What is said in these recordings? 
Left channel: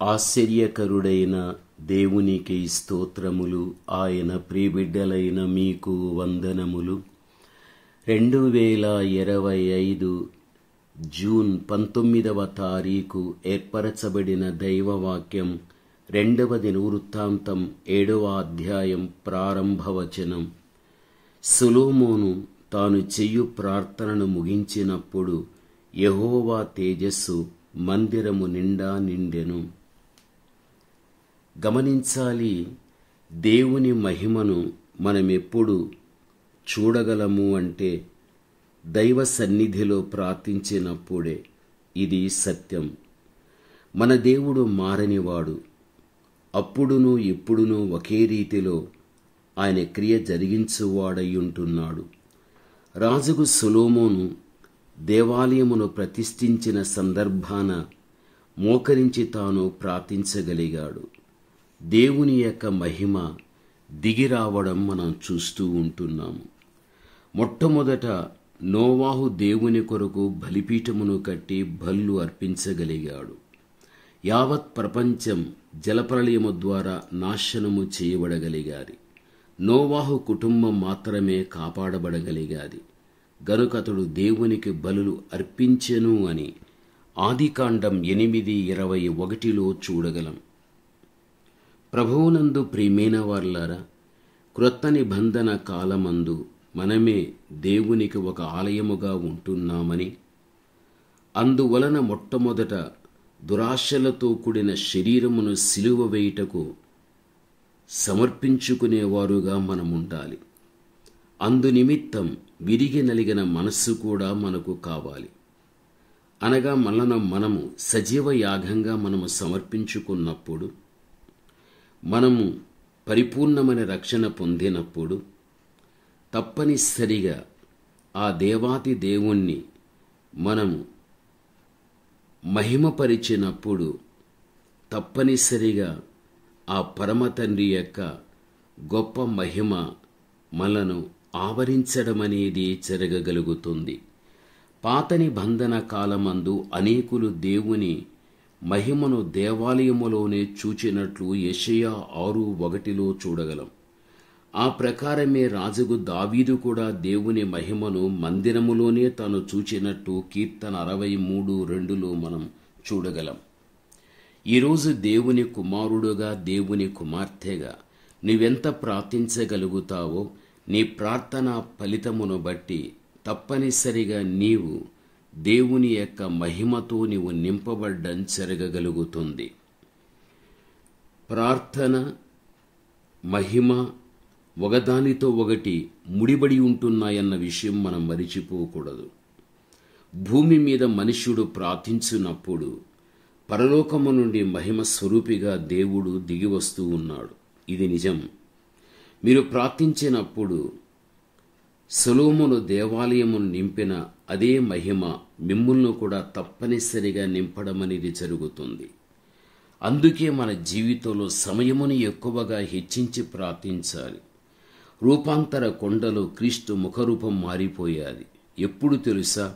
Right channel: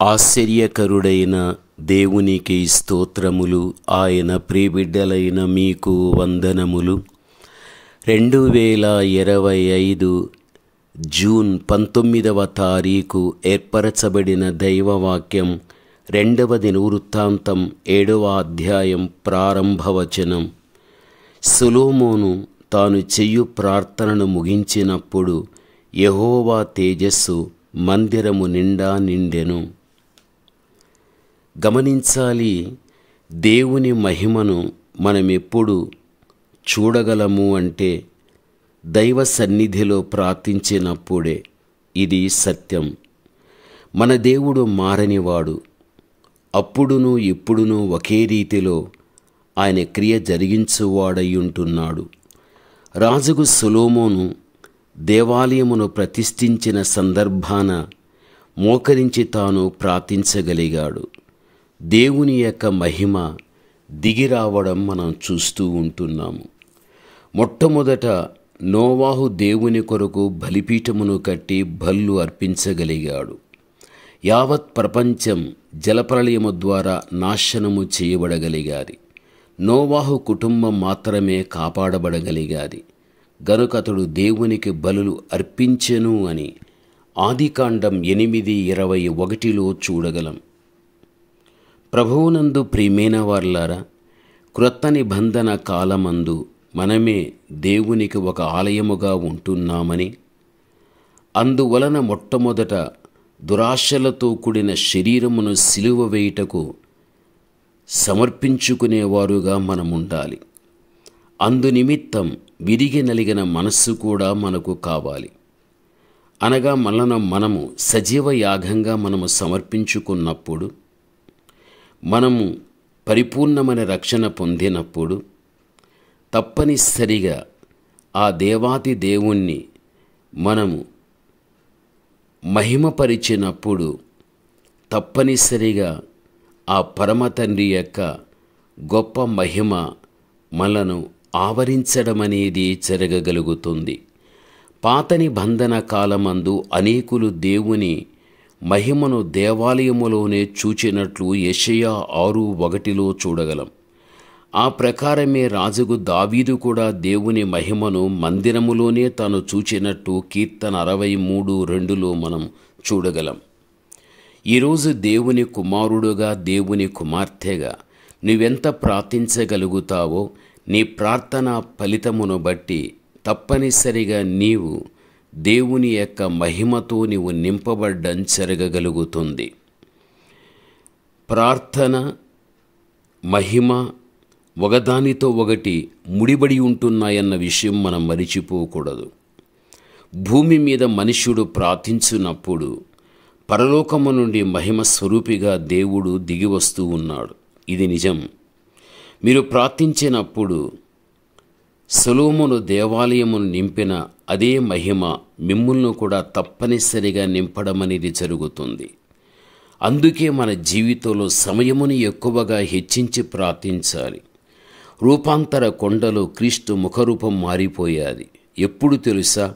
ఆశ్చర్యకరుడైన దేవునికి స్తోత్రములు. ఆయన ప్రియబిడ్డలైన మీకు వందనములు. 2025 జూన్ 19వ తారీఖు ఏర్పరచబడిన దైవవాక్యం 2వ దినవృత్తాంతం 7వ అధ్యాయం ప్రారంభవచనం. సొలొమోను తాను చెయ్యు ప్రార్థనను ముగించినప్పుడు యెహోవా తేజస్సు మందిరము నిండా నిండెను. గమనించాలి, దేవుని మహిమను మనమెప్పుడు చూడగలము అంటే దైవ సన్నిధిలో ప్రార్థించినప్పుడే. ఇది సత్యం. మన దేవుడు మారనివాడు. అప్పుడును ఇప్పుడును ఒకే రీతిలో ఆయన క్రియ జరిగించువాడయ్యుంటున్నాడు. రాజుకు సొలొమోను దేవాలయమును ప్రతిష్ఠించిన సందర్భాన మోకరించి తాను ప్రార్థించగలిగాడు. దేవుని యొక్క మహిమ దిగిరావడం మనం చూస్తూ ఉంటున్నాము. మొట్టమొదట నోవాహు దేవుని కొరకు బలిపీఠమును కట్టి బలులు అర్పించగలిగాడు. యావత్ ప్రపంచం జలప్రళయము ద్వారా నాశనము చేయబడగలిగాది. నోవాహు కుటుంబం మాత్రమే కాపాడబడగలిగాది. గనుకతడు దేవునికి బలులు అర్పించెను అని ఆదికాండం 8:21 చూడగలం. ప్రభువునందు ప్రియమైన వారలారా, క్రొత్త నిబంధన కాలమందు మనమే దేవునికి ఒక ఆలయముగా ఉంటున్నామని, అందువలన మొట్టమొదట దురాశలతో కూడిన శరీరమును సిలువ వేయుటకు సమర్పించుకునేవారుగా మనముండాలి. అందునిమిత్తం విరిగి నలిగిన మనస్సు కూడా మనకు కావాలి. అనగా మనము సజీవ యాగంగా మనము సమర్పించుకున్నప్పుడు, మనము పరిపూర్ణమైన రక్షణ పొందినప్పుడు, తప్పనిసరిగా ఆ దేవాతి దేవుణ్ణి మనము మహిమపరిచినప్పుడు తప్పనిసరిగా ఆ పరమ తండ్రి యొక్క గొప్ప మహిమ మనను ఆవరించడం అనేది జరగగలుగుతుంది. పాత నిబంధన కాలమందు అనేకులు దేవుని మహిమను దేవాలయములోనే చూచినట్లు యెషయా 6:1 చూడగలం. ఆ ప్రకారమే రాజుకు దావీదు కూడా దేవుని మహిమను మందిరములోనే తాను చూచినట్టు కీర్తన 63:2 మనం చూడగలం. ఈరోజు దేవుని కుమారుడుగా, దేవుని కుమార్తెగా నువ్వెంత ప్రార్థించగలుగుతావో నీ ప్రార్థన ఫలితమును బట్టి తప్పనిసరిగా నీవు దేవుని యొక్క మహిమతో నీవు నింపబడ్డం జరగగలుగుతుంది. ప్రార్థన, మహిమ ఒకదానితో ఒకటి ముడిబడి ఉంటున్నాయన్న విషయం మనం మరిచిపోకూడదు. భూమి మీద మనుష్యుడు ప్రార్థించినప్పుడు పరలోకము నుండి మహిమ స్వరూపిగా దేవుడు దిగి వస్తూ ఉన్నాడు. ఇది నిజం. మీరు ప్రార్థించినప్పుడు సొలొమోను దేవాలయమును నింపిన అదే మహిమ మిమ్ములను కూడా తప్పనిసరిగా నింపడం అనేది జరుగుతుంది. అందుకే మన జీవితంలో సమయముని ఎక్కువగా హెచ్చించి ప్రార్థించాలి. రూపాంతర కొండలో క్రీస్తు ముఖరూపం మారిపోయాది. ఎప్పుడు తెలుసా?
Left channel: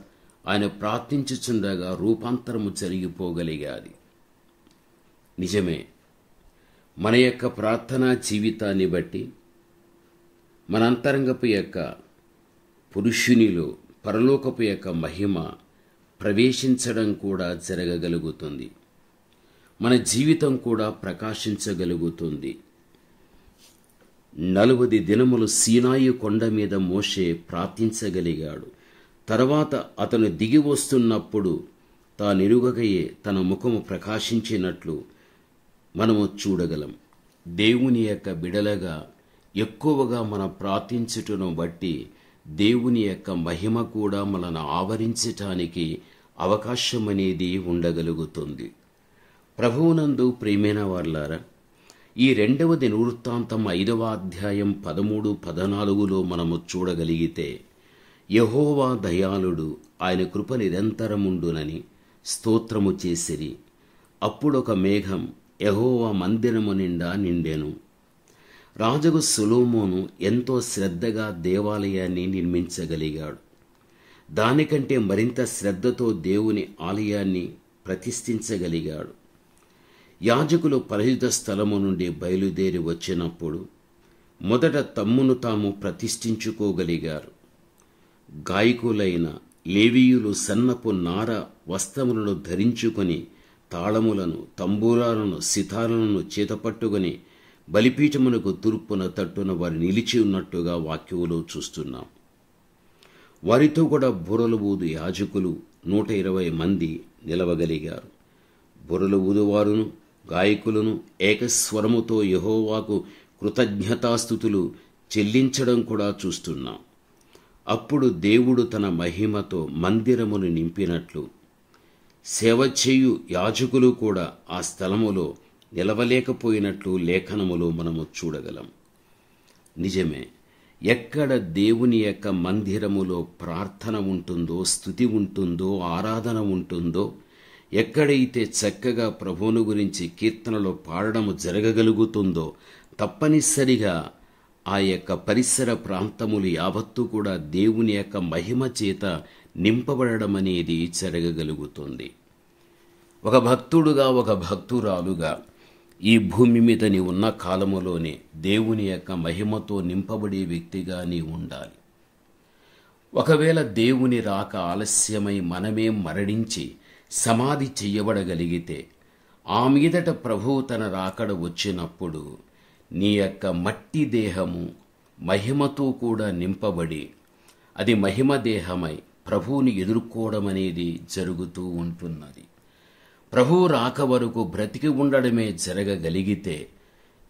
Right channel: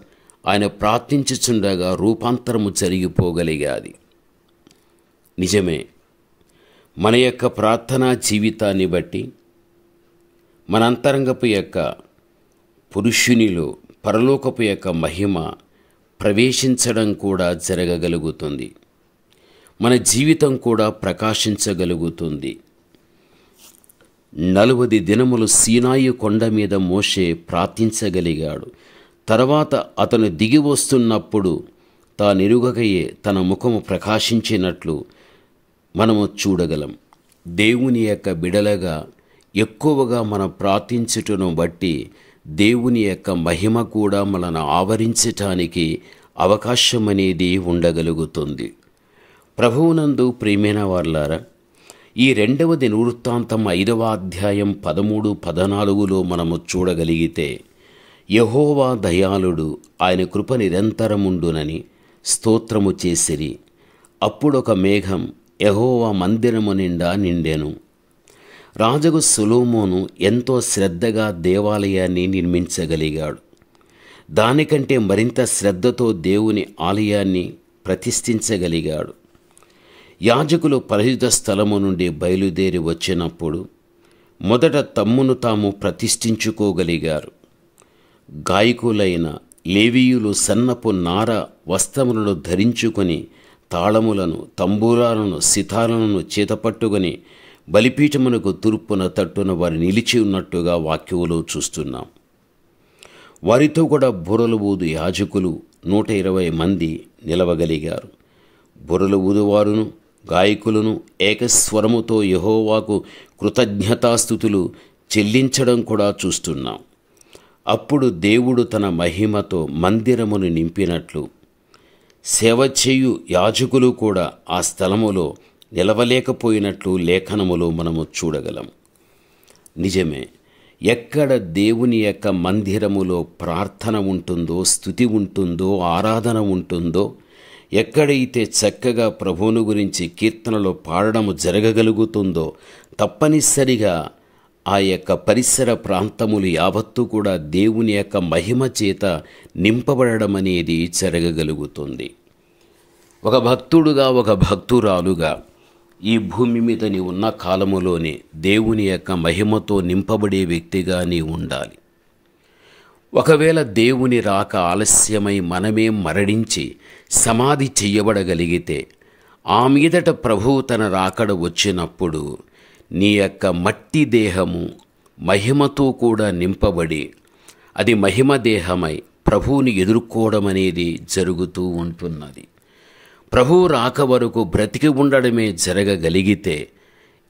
ఆయన ప్రార్థించుచుండగా రూపాంతరము జరిగిపోగలిగాది. నిజమే. మన యొక్క ప్రార్థనా జీవితాన్ని బట్టి మన అంతరంగపు యొక్క పురుషునిలో పరలోకపు యొక్క మహిమ ప్రవేశించడం కూడా జరగగలుగుతుంది. మన జీవితం కూడా ప్రకాశించగలుగుతుంది. 40 దినములు సీనాయి కొండ మీద మోషే ప్రార్థించగలిగాడు. తర్వాత అతను దిగి వస్తున్నప్పుడు తానెరుగకయే తన ముఖము ప్రకాశించినట్లు మనము చూడగలం. దేవుని యొక్క బిడలగా ఎక్కువగా మనం ప్రార్థించుటను బట్టి దేవుని యొక్క మహిమ కూడా మనను ఆవరించటానికి అవకాశం అనేది ఉండగలుగుతుంది. ప్రభువునందు ప్రియమైన వారలారా, ఈ 2వ దినవృత్తాంతం 5వ అధ్యాయం 13-14 మనము చూడగలిగితే, యెహోవా దయాళుడు, ఆయన కృప నిరంతరముండునని స్తోత్రము చేసిరి. అప్పుడొక మేఘం యెహోవా మందిరము నిండా నిండెను. రాజుకు సొలొమోను ఎంతో శ్రద్ధగా దేవాలయాన్ని నిర్మించగలిగాడు. దానికంటే మరింత శ్రద్ధతో దేవుని ఆలయాన్ని ప్రతిష్ఠించగలిగాడు. యాజకులు పరిశుద్ధ స్థలము నుండి బయలుదేరి వచ్చినప్పుడు మొదట తమ్మును తాము ప్రతిష్ఠించుకోగలిగారు. గాయకులైన లేవీయులు సన్నపు నార వస్త్రములను ధరించుకొని తాళములను, తంబూరాలను, సితారాలను చేతపట్టుకొని బలిపీఠమునకు తూర్పున తట్టున వారు నిలిచి ఉన్నట్టుగా వాక్యములో చూస్తున్నాం. వారితో కూడా బుర్రలు ఊదు యాజకులు 120 మంది నిలవగలిగారు. బుర్రలు ఊదువారును గాయకులను ఏకస్వరముతో యెహోవాకు కృతజ్ఞతాస్తుతులు చెల్లించడం కూడా చూస్తున్నాం. అప్పుడు దేవుడు తన మహిమతో మందిరమును నింపినట్లు సేవ చేయు యాజకులు కూడా ఆ స్థలములో నిలవలేకపోయినట్లు లేఖనములో మనము చూడగలం. నిజమే, ఎక్కడ దేవుని యొక్క మందిరములో ప్రార్థన ఉంటుందో, స్తుతి ఉంటుందో, ఆరాధన ఉంటుందో, ఎక్కడైతే చక్కగా ప్రభువును గురించి కీర్తనలో పాడడము జరగగలుగుతుందో తప్పనిసరిగా ఆ యొక్క పరిసర ప్రాంతములు యావత్తు కూడా దేవుని యొక్క మహిమ చేత నింపబడడం అనేది జరగగలుగుతుంది. ఒక భక్తుడుగా, ఒక భక్తురాలుగా ఈ భూమి మీద నీ ఉన్న కాలములోనే దేవుని యొక్క మహిమతో నింపబడే వ్యక్తిగా నీ ఉండాలి. ఒకవేళ దేవుని రాక ఆలస్యమై మనమే మరణించి సమాధి చెయ్యబడగలిగితే ఆ మీదట ప్రభువు తన రాకడ వచ్చినప్పుడు నీ యొక్క మట్టి దేహము మహిమతో కూడా నింపబడి అది మహిమ దేహమై ప్రభువుని ఎదుర్కోవడం అనేది జరుగుతూ ఉంటున్నది. ప్రభువు రాక వరకు బ్రతికి ఉండడమే జరగగలిగితే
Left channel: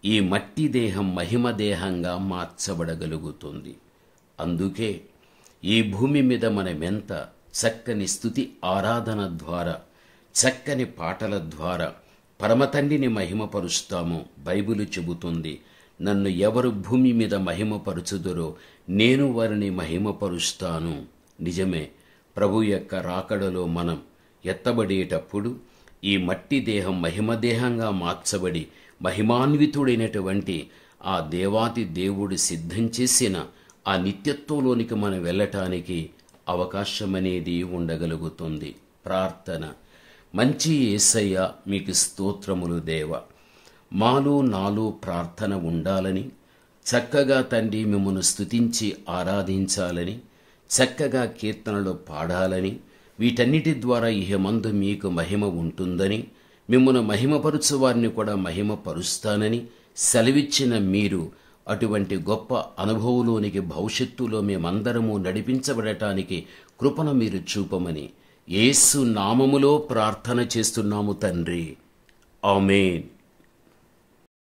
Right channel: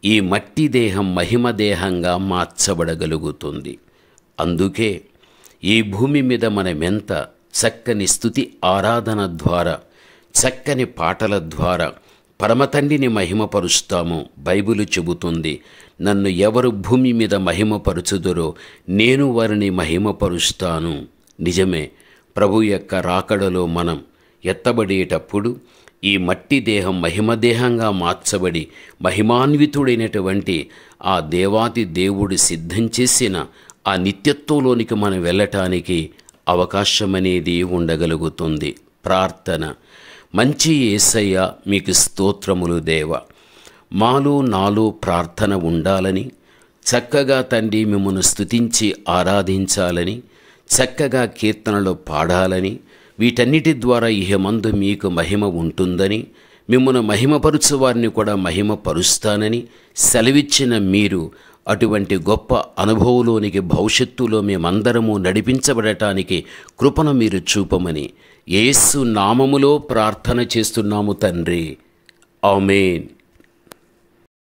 ఈ మట్టి దేహం మహిమ దేహంగా మార్చబడగలుగుతుంది. అందుకే ఈ భూమి మీద మనమెంత చక్కని స్తుతి ఆరాధన ద్వారా, చక్కని పాటల ద్వారా పరమతండ్రిని మహిమపరుస్తామో బైబిలు చెబుతుంది. నన్ను ఎవరు భూమి మీద మహిమపరుచుదురో నేను వారిని మహిమపరుస్తాను. నిజమే, ప్రభు యొక్క రాకడలో మనం ఎత్తబడేటప్పుడు ఈ మట్టి దేహం మహిమదేహంగా మార్చబడి మహిమాన్వితుడైనటువంటి ఆ దేవాతి దేవుడు సిద్ధం చేసిన ఆ నిత్యత్వంలోనికి మనం వెళ్ళటానికి అవకాశం అనేది ఉండగలుగుతుంది. ప్రార్థన. మంచి యేసయ్య, మీకు స్తోత్రములు దేవ. మాలో నాలో ప్రార్థన ఉండాలని, చక్కగా తండ్రి మిమ్మల్ని స్తుతించి ఆరాధించాలని, చక్కగా కీర్తనలు పాడాలని, వీటన్నిటి ద్వారా ఇహమందు మీకు మహిమ ఉంటుందని, మిమ్మల్ని మహిమపరుచు వారిని కూడా మహిమపరుస్తానని సెలవిచ్చిన మీరు అటువంటి గొప్ప అనుభవంలోనికి భవిష్యత్తులో మేమందరము నడిపించబడటానికి కృపను మీరు చూపమని యేసు నామములో ప్రార్థన చేస్తున్నాము తండ్రి. ఆమేన్.